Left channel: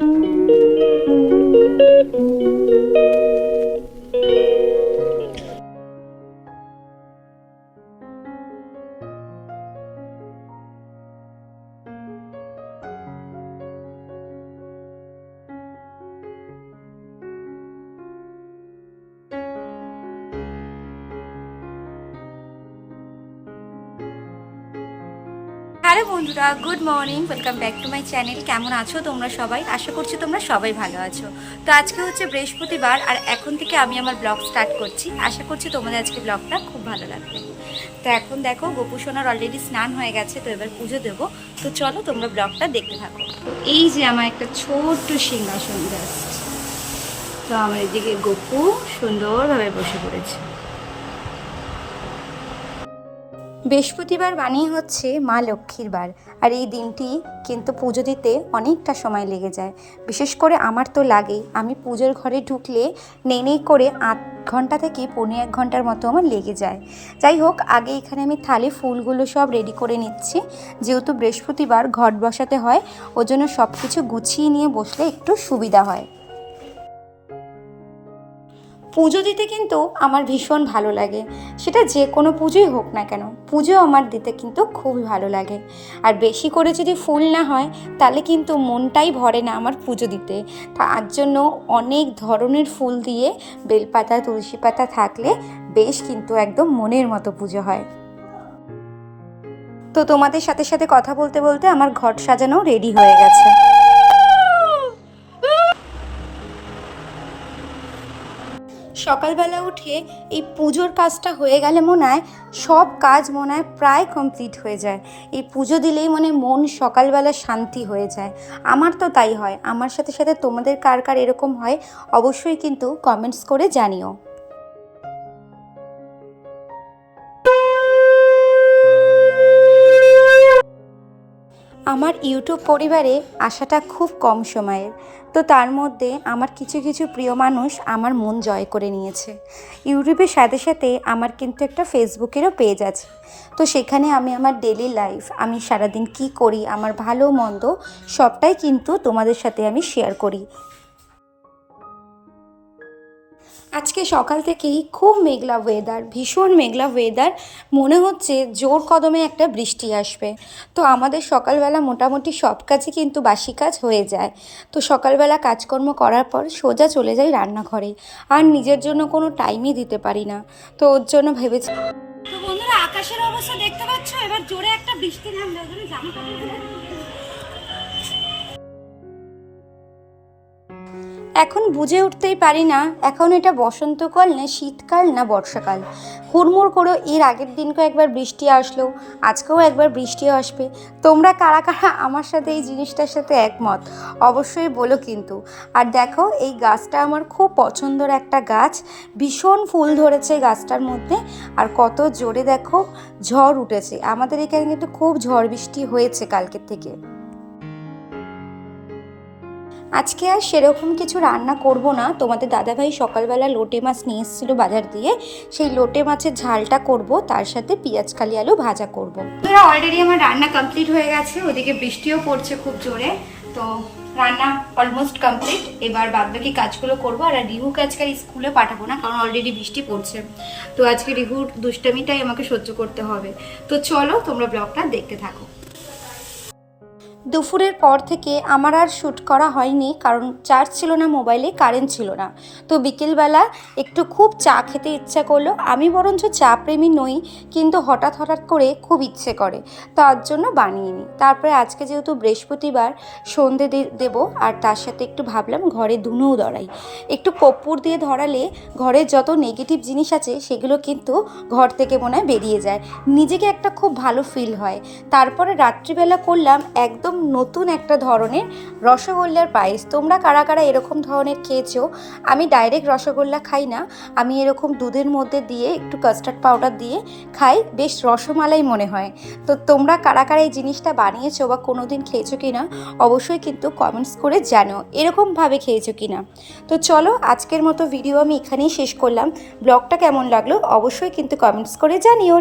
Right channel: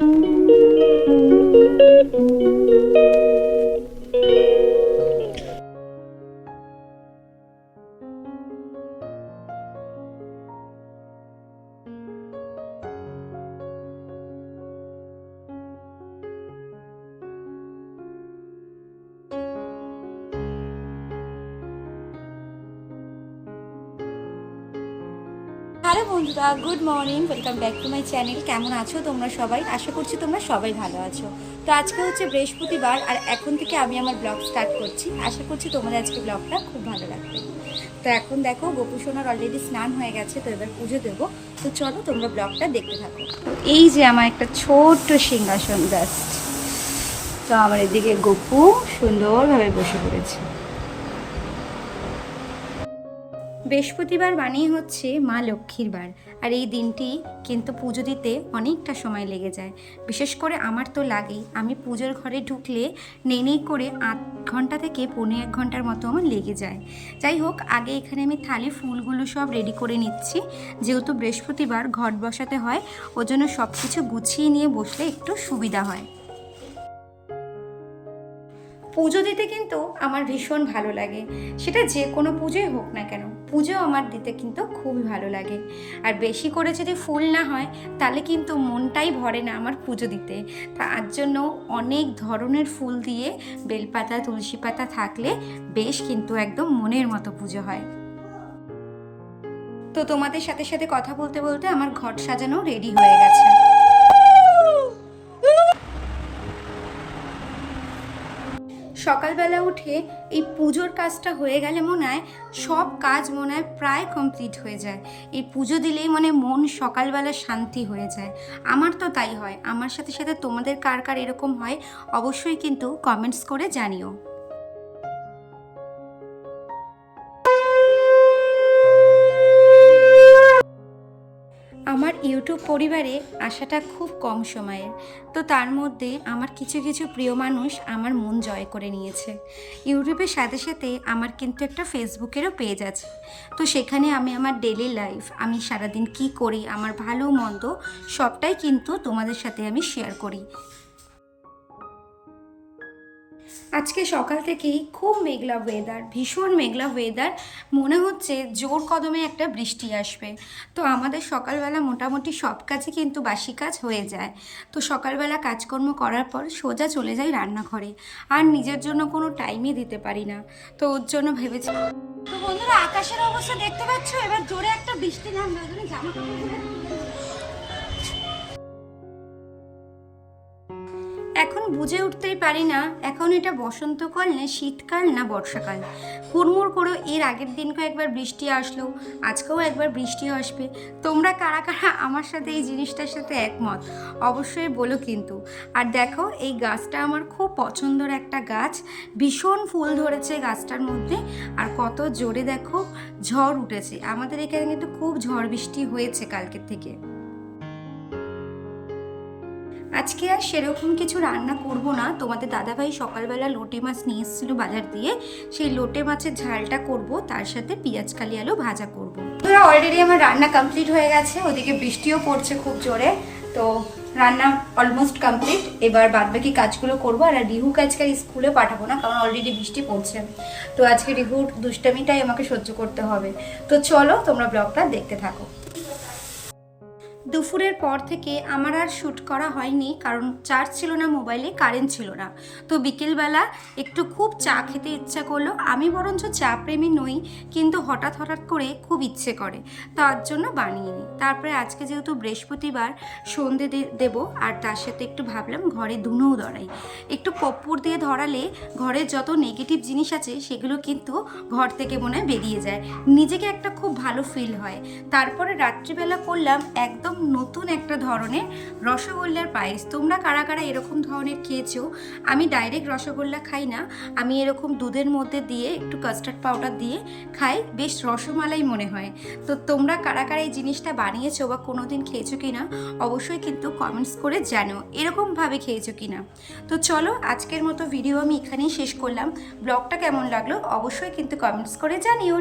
Hello বন্ধুরা, good morning, welcome back to my channel. কেমন আছো তোমরা সবাই? আশা করছি তোমরা সবাই ভালো আছো। তো আজকে হচ্ছে বৃহস্পতিবার, আর এখন থেকে আমি আমার ব্লগ স্টার্ট করছি। আশা করছি তোমাদের আজকে ব্লগটা খুব ভালো লাগবে। তো এখন দেখো গোপু সোনার অলরেডি স্নান হয়ে গেছে, তো এবার পুজো দেবো। তো চলো তোমরা ব্লগটা দেখতে থাকো। তো এই যে আমার একটা ছোট্ট সিংহাসন জাস্ট, তো আমার এদিকে গোপু সুন্দরভাবে বসে পড়েছে। বৃহস্পতিবার মানেই হচ্ছে মা লক্ষ্মীর বার, আর এই দিনটি কিন্তু পুজো দিতে অনেকটা সময় লেগে যায়। বিশেষ করে আমার তো লাগেই। আমি পুজোর ঘরে ঢুকলে নেই করে 8 ঘন্টা থেকে 1.5 ঘন্টার মতো আমার লেগে যায়। যাই হোক, আগে এখানে আমি থালি ফুলগুলো সব রেডি করে নিচ্ছি। যেহেতু বৃহস্পতিবার ঘট বসাতে হয়, ওই জন্য সব কিছু গুছিয়ে নিয়ে বসলে একটু সুবিধা হয়। পুজো দিতে কিন্তু আমার ভীষণ ভালো লাগে, সেটা যে কোনো পুজোই হোক না কেন, পুজো আমার দিতে কিন্তু খুবই ভালো লাগে। আর বেশি করে যদি ফুল না হয় তাহলে কিন্তু মনটাই ভরে না আমার পুজো দিতে। তার জন্য অনেক ধরনের ফুল দিয়ে বেলপাতা তুলসী পাতা থাকলে বেশ কিন্তু একদম মনের মতো পুজো হয়। তো তোমাদের সাথে সাথে কথা বলতে বলতে আমার ঘট সাজানো রেডি হয়ে গেছে। সকালবেলা উঠে এই পুজোর কাজটা হয়ে গেলে মনে হয় সব কাজ মনে হয় প্রায় কমপ্লিট হয়ে যায়। এই পুজো দিলেই মন সকালবেলা শান্তি হয়ে যায়। আমার তো তাই হয়। আমার সাথে সাথে তোমাদের কার কার এরকম হয় অবশ্যই কিন্তু কমেন্টস করে জানিও। আমার ইউটিউব পরিবারে আসাটা খুব কম সময়ের, তো তার মধ্যে আমার কিছু কিছু প্রিয় মানুষ আমার মন জয় করে নিয়েছে। ইউটিউবের সাথে সাথে আমার কিন্তু একটা ফেসবুকেরও পেজ আছে। তো সেখানে আমি আমার ডেলি লাইফ, আমি সারাদিন কি করি, আমার ভালো মন্দ সবটাই কিন্তু তোমাদের সাথে আমি শেয়ার করি। আজকে সকাল থেকেই খুব মেঘলা ওয়েদার, ভীষণ মেঘলা ওয়েদার। মনে হচ্ছে জোর কদমে একটা বৃষ্টি আসবে। তো আমাদের সকালবেলা মোটামুটি সব কাজই কিন্তু বাসি কাজ হয়ে যায়। তো সকালবেলা কাজকর্ম করার পর সোজা চলে যাই রান্নাঘরে, আর নিজের জন্য কোনো টাইমই দিতে পারি না। তো ওর জন্য ভেবেছি। তো বন্ধুরা, আকাশের অবস্থা দেখতে পাচ্ছ, এবার জোরে একটা বৃষ্টি নামবে, ওই জন্য জামা কাপড়গুলো এখন বুঝে উঠতেই পারি না এখন এটা বসন্তকাল না শীতকাল না বর্ষাকাল। হুড়মুড় করে এর আগের দিনকেও একবার বৃষ্টি আসলো, আজকেও একবার বৃষ্টিও আসবে। তোমরা কারা কারা আমার সাথে এই জিনিসটার সাথে একমত অবশ্যই বলো কিন্তু। আর দেখো, এই গাছটা আমার খুব পছন্দের একটা গাছ, ভীষণ ফুল ধরেছে গাছটার মধ্যে। আর কত জোরে দেখো ঝড় উঠেছে। আমাদের এখানে কিন্তু খুব ঝড় বৃষ্টি হয়েছে কালকের থেকে। আজকে আর সেরকম কিছু রান্না করব না। তোমাদের দাদাভাই সকালবেলা লোটে মাছ নিয়ে এসেছিলো বাজার দিয়ে, সেই লোটে মাছের ঝালটা করব, তার সাথে পেঁয়াজ কালি আলু ভাজা করব। তোরা অলরেডি আমার রান্না কমপ্লিট হয়ে গেছে, ওদিকে বৃষ্টিও পড়ছে খুব জোরে। তো রান্না অলমোস্ট কমপ্লিট। এবার বাদবাকি কাজগুলো করবো। আর রিহুকে আজকে স্কুলে পাঠাবো না, কারণ অলরেডি বৃষ্টি পড়ছে। তো আজকে রিহুর দুষ্টামিটাই আমাকে সহ্য করতে হবে। তো চলো তোমরা ব্লগটা দেখতে থাকো। দুপুরের পর থেকে আমার আর শ্যুট করা হয়নি, কারণ চার্জ ছিল না মোবাইলে, কারেন্ট ছিল না। তো বিকেলবেলা একটু খুব চা খেতে ইচ্ছা করলো। আমি বরঞ্চ চা প্রেমী নই, কিন্তু হঠাৎ হঠাৎ করে খুব ইচ্ছে করে, তার জন্য বানিয়ে নিই। তারপরে আজকে যেহেতু বৃহস্পতিবার, সন্ধে দেব, আর তার সাথে একটু ভাবলাম ঘরে ধুনোও ধরাই। একটু কর্পূর দিয়ে ধরালে ঘরের যত নেগেটিভ জিনিস আছে সেগুলো কিন্তু ঘর থেকে মনে হয় বেরিয়ে যায়, নিজেকে একটা খুব ভালো ফিল হয়। তারপরে রাত্রিবেলা করলাম একদম নতুন একটা ধরনের রসগোল্লার পায়েস। তোমরা কারা কারা এরকম ধরনের খেয়েছো? আমি ডাইরেক্ট রসগোল্লা খাই না, আমি এরকম দুধের মধ্যে দিয়ে একটু কাস্টার্ড পাউডার দিয়ে খাই, বেশ রসমালাই মনে হয়। তো তোমরা কারা কারা এই জিনিসটা বানিয়েছো বা কোনো দিন খেয়েছো কি না অবশ্যই কিন্তু কমেন্টস করে জানিও, এরকমভাবে খেয়েছো কি না। তো চলো, আজকের মতো ভিডিও আমি এখানেই শেষ করলাম। ব্লগটা কেমন লাগলো অবশ্যই কিন্তু কমেন্টস করে জানিও।